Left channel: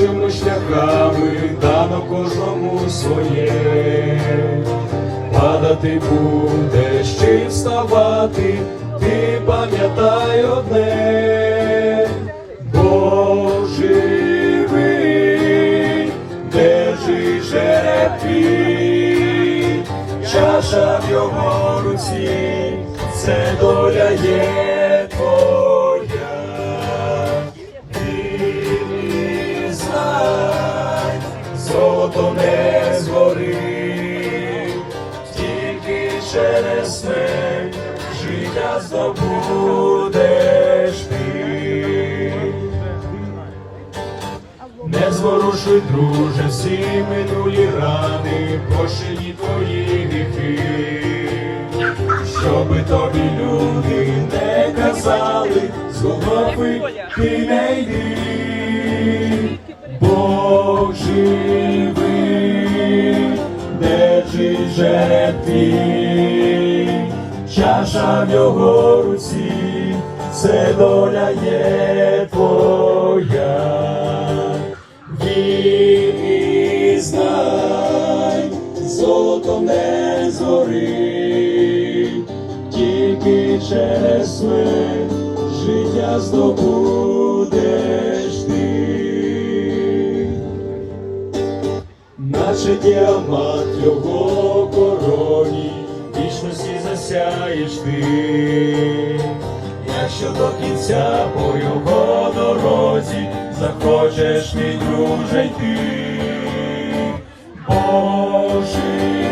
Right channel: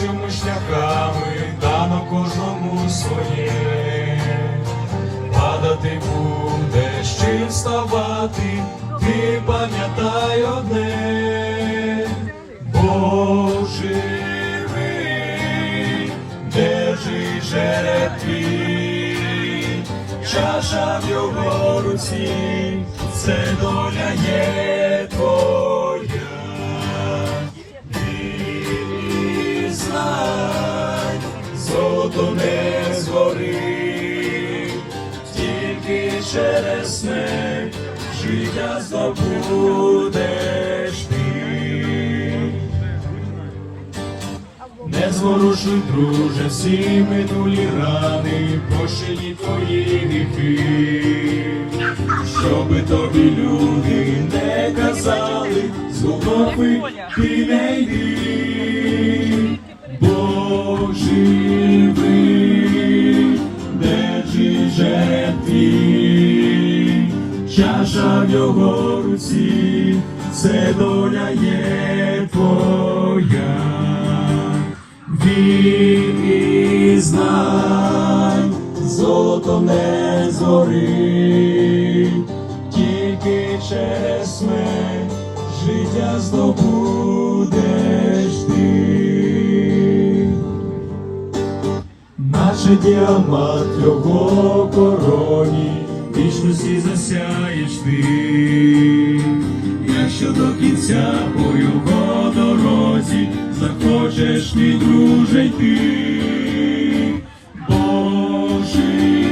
іншими шляхами дано кожному своє. Падати будеш чи вставати, ти пам'ятай одне, Бог живий, твій, чаша в його руці, це доля є не згорить, тільки через смерть життя здобудеш ти. Не зворушуй, друже, всі минулі рани, прощені твої гріхи, щоби тобі люди не казали, з Голгофи ти не це доля є твоя. Знай, золото не згорить, тільки через смерть життя здобудеш ти. Наче діамант його короні, вічності засяєш ти, якщо до кінця по його дорозі захочеш ти друже йти, Божий,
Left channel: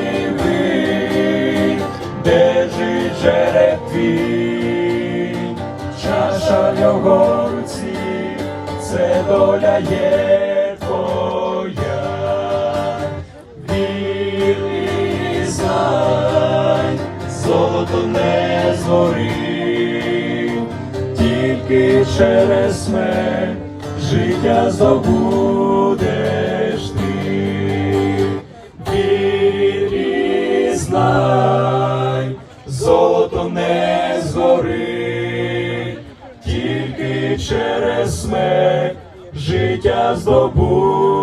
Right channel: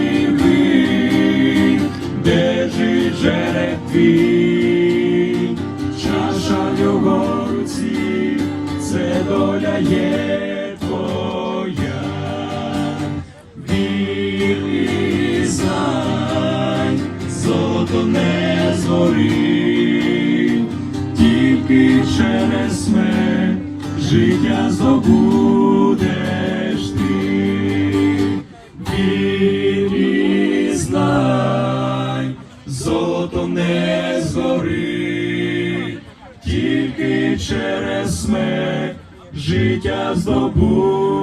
держи жереб твій, чаша це доля є твоя. Вірі знай, тільки через смерть життя здобудеш ти. Білі знай, золото не згорить, тільки через смерть життя здобудеш